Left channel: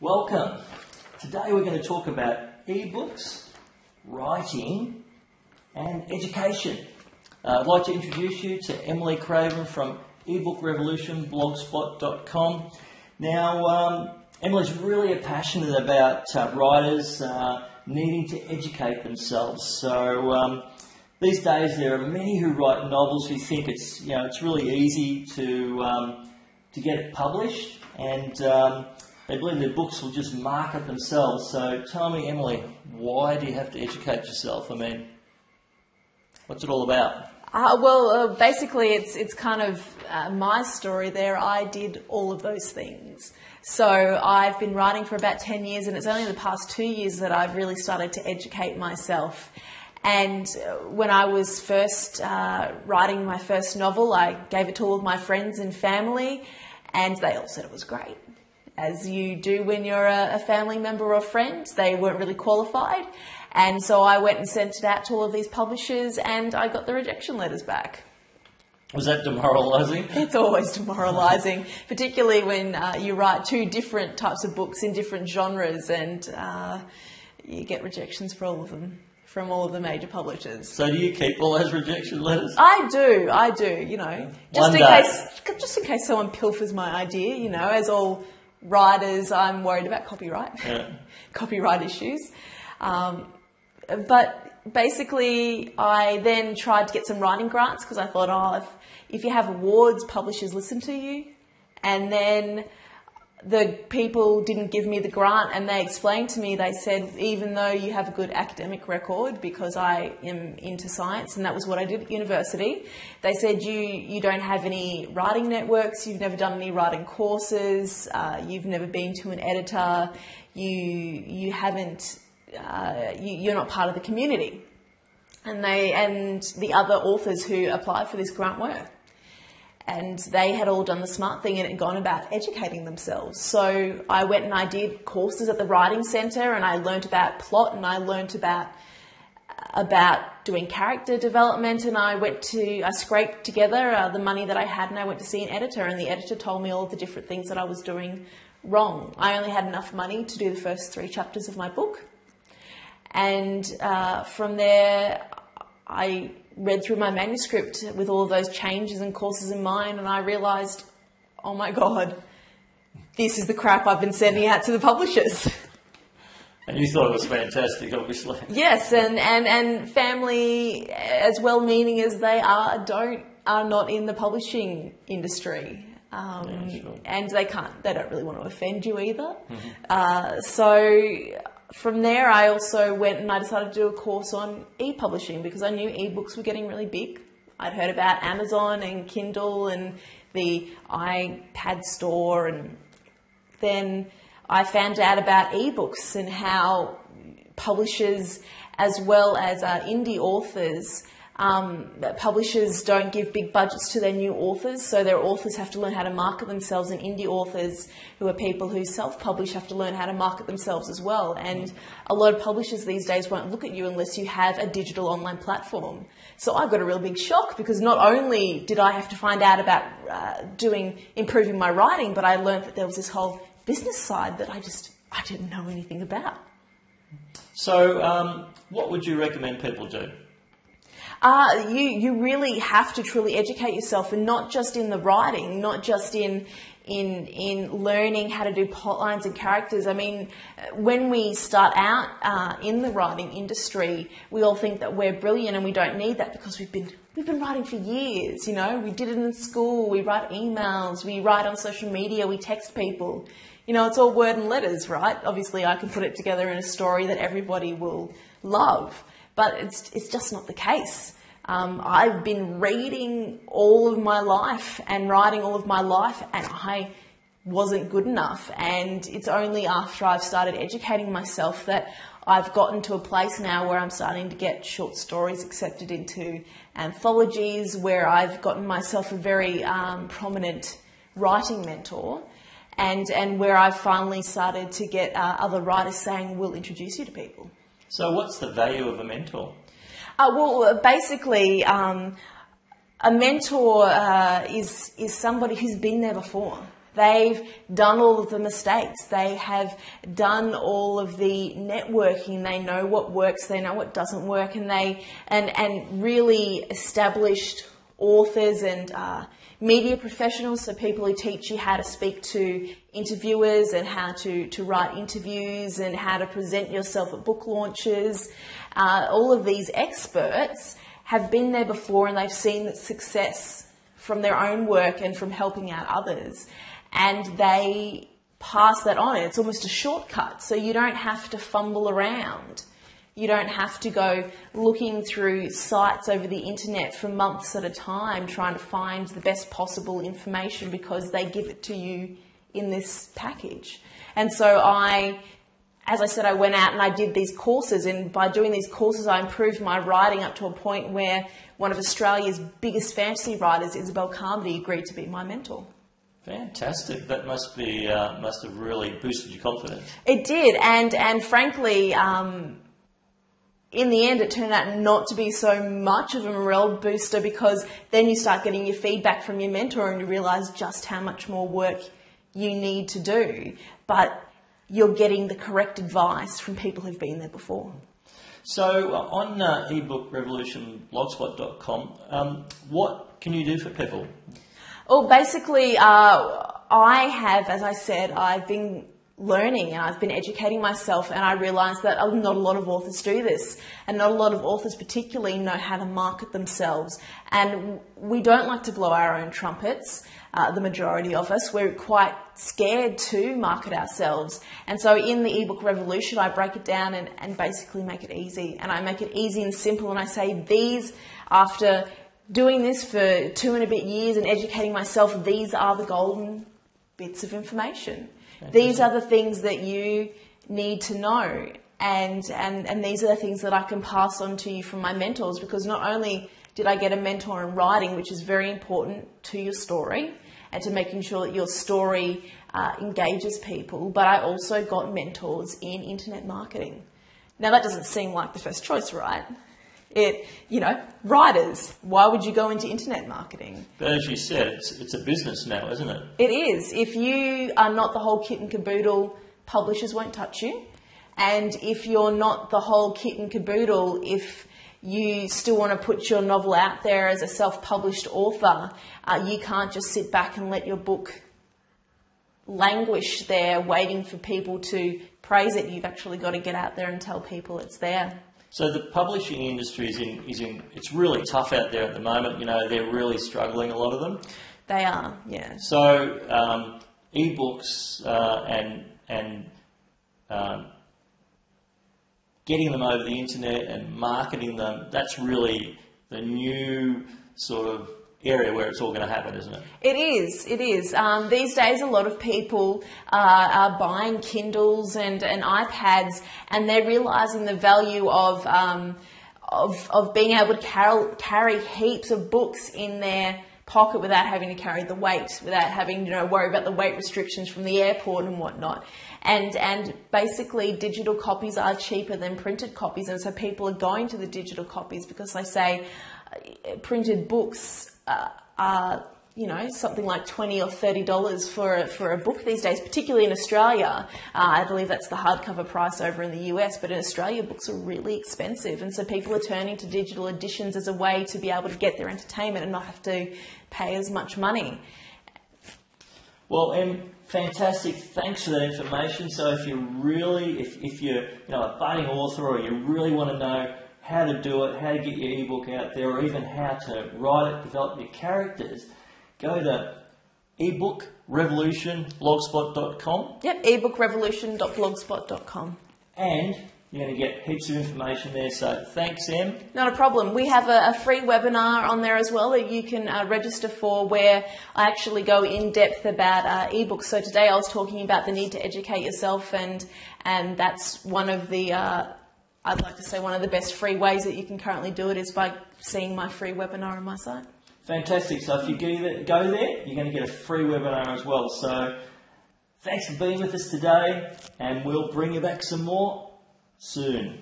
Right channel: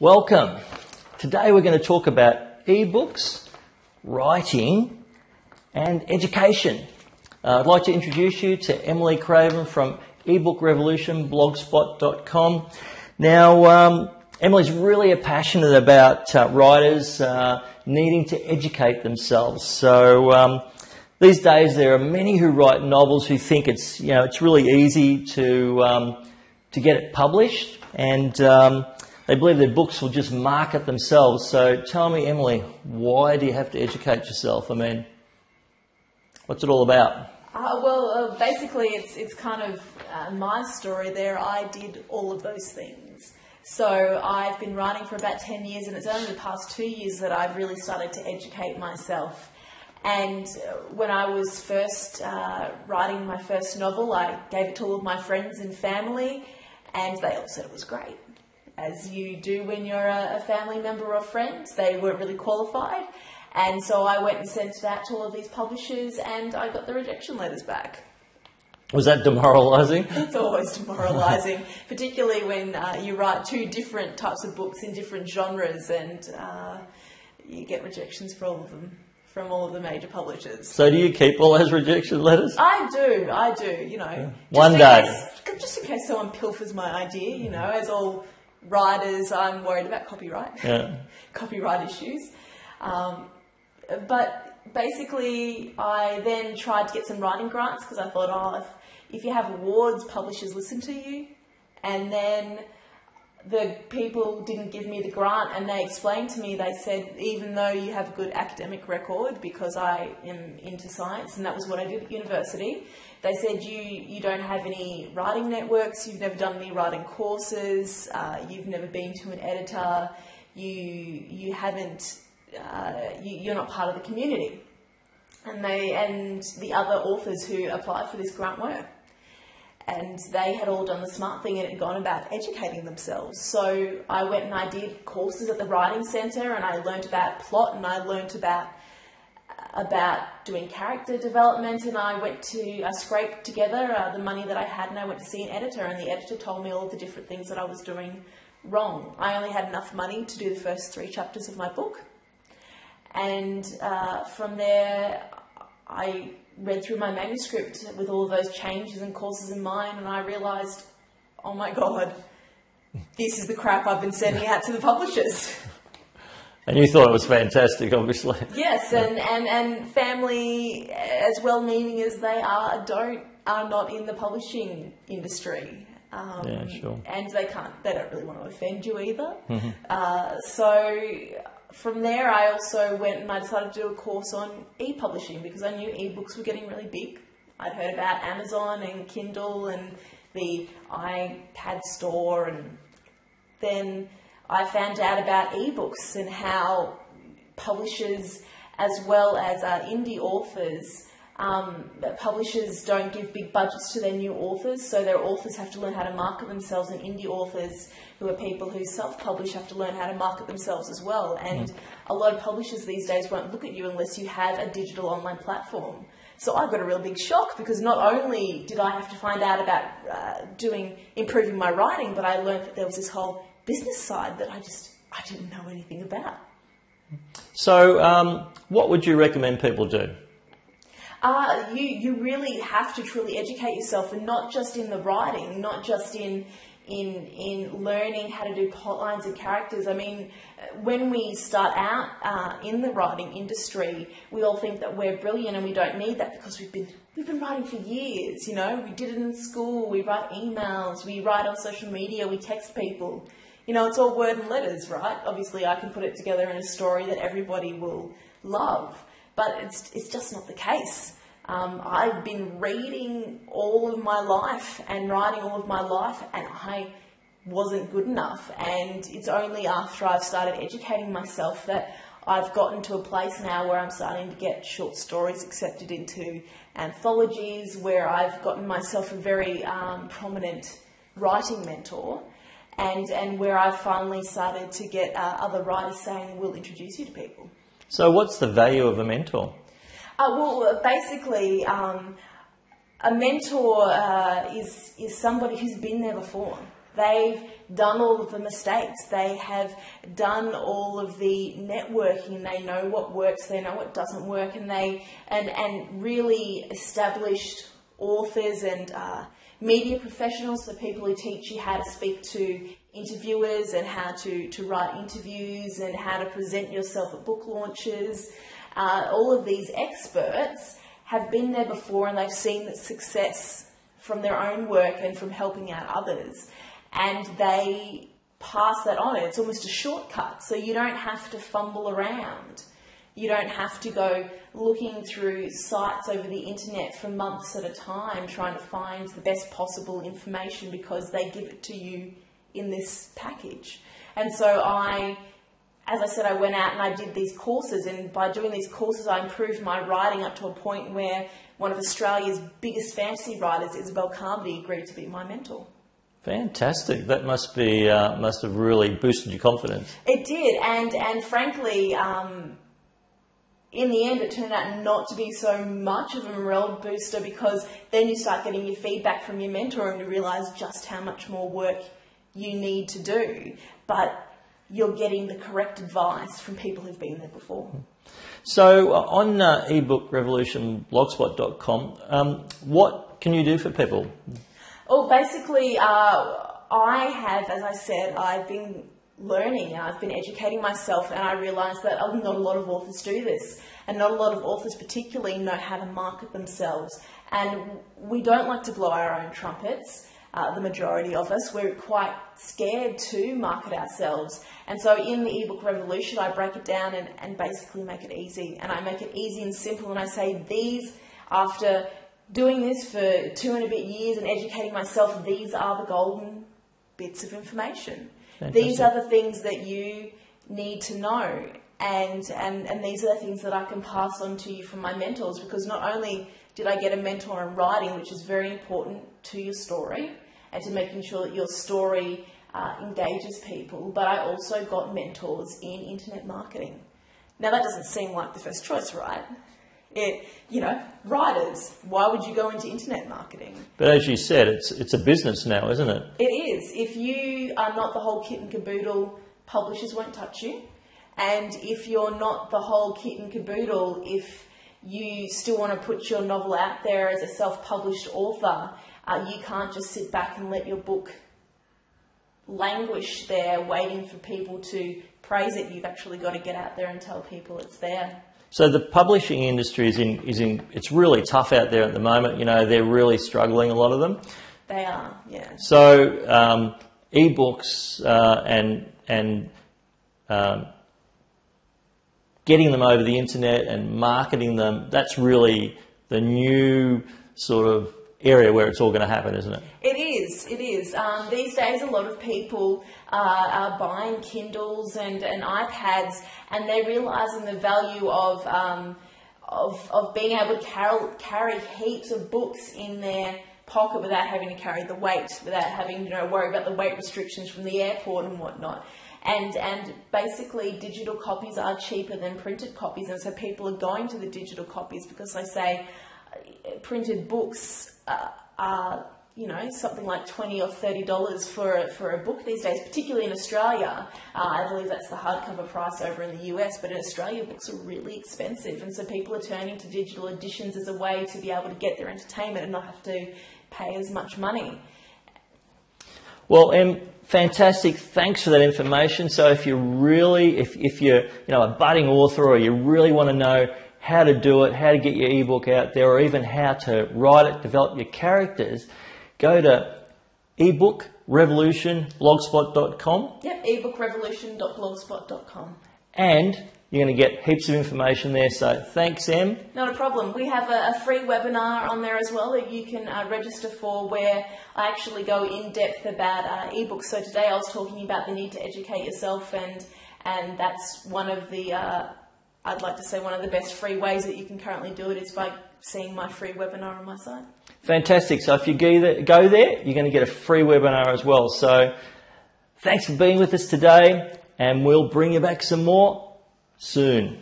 Welcome. Today we're going to talk about ebooks, writing and education. I'd like to introduce you to Emily Craven from ebookrevolutionblogspot.com. Now, Emily's really passionate about writers needing to educate themselves. So these days there are many who write novels who think it's really easy to get it published, and they believe their books will just market themselves. So tell me, Emily, why do you have to educate yourself? I mean, what's it all about? Basically, it's kind of my story there. I did all of those things. So I've been writing for about 10 years, and it's only the past 2 years that I've really started to educate myself. And when I was first writing my first novel, I gave it to all of my friends and family, and they all said it was great. As you do when you're a family member or friend. They weren't really qualified. And so I went and sent it out to all of these publishers, and I got the rejection letters back. Was that demoralising? It's always demoralising, particularly when you write two different types of books in different genres, and you get rejections for all of them from all of the major publishers. So do you keep all those rejection letters? I do, just in case someone pilfers my idea, as all writers, I'm worried about copyright, copyright issues. But basically, I then tried to get some writing grants because I thought, if you have awards, publishers listen to you. And then the people didn't give me the grant, and they explained to me, they said, even though you have a good academic record, because I am into science, and that was what I did at university, they said you don't have any writing networks, you've never done any writing courses, you've never been to an editor, you're not part of the community. And the other authors who applied for this grant were. And they had all done the smart thing and had gone about educating themselves. So I went and I did courses at the Writing Centre, and I learnt about plot, and I learnt about doing character development, and I scraped together the money that I had, and I went to see an editor, and the editor told me all of the different things that I was doing wrong. I only had enough money to do the first 3 chapters of my book. And from there, I read through my manuscript with all of those changes and courses in mind, and I realised, oh my God, this is the crap I've been sending out to the publishers. And you thought it was fantastic, obviously. Yes, and family, as well-meaning as they are not in the publishing industry. Sure. And they don't really want to offend you either. Mm-hmm. So from there, I also went and I decided to do a course on e-publishing because I knew ebooks were getting really big. I'd heard about Amazon and Kindle and the iPad store, and then I found out about ebooks and how publishers, as well as indie authors, publishers don't give big budgets to their new authors, so their authors have to learn how to market themselves, and indie authors, who are people who self-publish, have to learn how to market themselves as well. And a lot of publishers these days won't look at you unless you have a digital online platform. So I got a real big shock because not only did I have to find out about improving my writing, but I learned that there was this whole business side that I didn't know anything about. So what would you recommend people do? You really have to truly educate yourself, and not just in the writing, not just in learning how to do plot lines and characters. I mean, when we start out in the writing industry, we all think that we're brilliant, and we don't need that because we've been writing for years. We did it in school, we write emails, we write on social media, we text people. It's all word and letters, right? Obviously, I can put it together in a story that everybody will love. But it's just not the case. I've been reading all of my life and writing all of my life, and I wasn't good enough. And it's only after I've started educating myself that I've gotten to a place now where I'm starting to get short stories accepted into anthologies, where I've gotten myself a very prominent writing mentor, and where I've finally started to get other writers saying, we'll introduce you to people. So what's the value of a mentor? Basically, a mentor is somebody who's been there before. They've done all of the mistakes. They have done all of the networking. They know what works. They know what doesn't work, and really established authors and media professionals, so people who teach you how to speak to interviewers and how to write interviews and how to present yourself at book launches. All of these experts have been there before, and they've seen the success from their own work and from helping out others, and they pass that on. It's almost a shortcut, so you don't have to fumble around. You don't have to go looking through sites over the internet for months at a time trying to find the best possible information, because they give it to you in this package. And so as I said, I went out and I did these courses, and by doing these courses I improved my writing up to a point where one of Australia's biggest fantasy writers, Isabel Carmody, agreed to be my mentor. Fantastic. That must have really boosted your confidence. It did, and frankly, in the end, it turned out not to be so much of a morale booster, because then you start getting your feedback from your mentor and you realise just how much more work you need to do. But you're getting the correct advice from people who've been there before. So on ebookrevolutionblogspot.com, what can you do for people? Well, basically, I have, as I said, I've been learning and I've been educating myself, and I realised that not a lot of authors do this, and not a lot of authors particularly know how to market themselves. And we don't like to blow our own trumpets. The majority of us, we're quite scared to market ourselves. And so in the ebook revolution, I break it down and basically make it easy. And I make it easy and simple, and I say, after doing this for 2 and a bit years and educating myself, these are the golden bits of information. These are the things that you need to know, and these are the things that I can pass on to you from my mentors, because not only did I get a mentor in writing, which is very important to your story and to making sure that your story engages people, but I also got mentors in internet marketing. Now that doesn't seem like the first choice, right? Writers, why would you go into internet marketing? But as you said, it's a business now, isn't it? It is. If you are not the whole kit and caboodle, publishers won't touch you. And if you're not the whole kit and caboodle, if you still want to put your novel out there as a self-published author, you can't just sit back and let your book languish there waiting for people to praise it. You've actually got to get out there and tell people it's there. So the publishing industry it's really tough out there at the moment. They're really struggling, a lot of them. They are, yeah. So ebooks and getting them over the internet and marketing them, that's really the new sort of area where it's all going to happen, isn't it? It is. These days, a lot of people are buying Kindles and iPads, and they're realising the value of being able to carry heaps of books in their pocket without having to carry the weight, without having worry about the weight restrictions from the airport and whatnot. And basically, digital copies are cheaper than printed copies, and so people are going to the digital copies because they say printed books are something like $20 or $30 for a book these days, particularly in Australia. I believe that's the hardcover price over in the US, but in Australia books are really expensive, and so people are turning to digital editions as a way to be able to get their entertainment and not have to pay as much money. Well, fantastic. Thanks for that information. So if you're a budding author, or you really want to know how to do it, how to get your ebook out there, or even how to write it, develop your characters, go to ebookrevolutionblogspot.com. Yep, ebookrevolution.blogspot.com. And you're going to get heaps of information there. So thanks, Em. Not a problem. We have a free webinar on there as well that you can register for, where I actually go in depth about ebooks. So today I was talking about the need to educate yourself, and that's one of the I'd like to say one of the best free ways that you can currently do it is by seeing my free webinar on my site. Fantastic. So if you go there, you're going to get a free webinar as well. So thanks for being with us today, and we'll bring you back some more soon.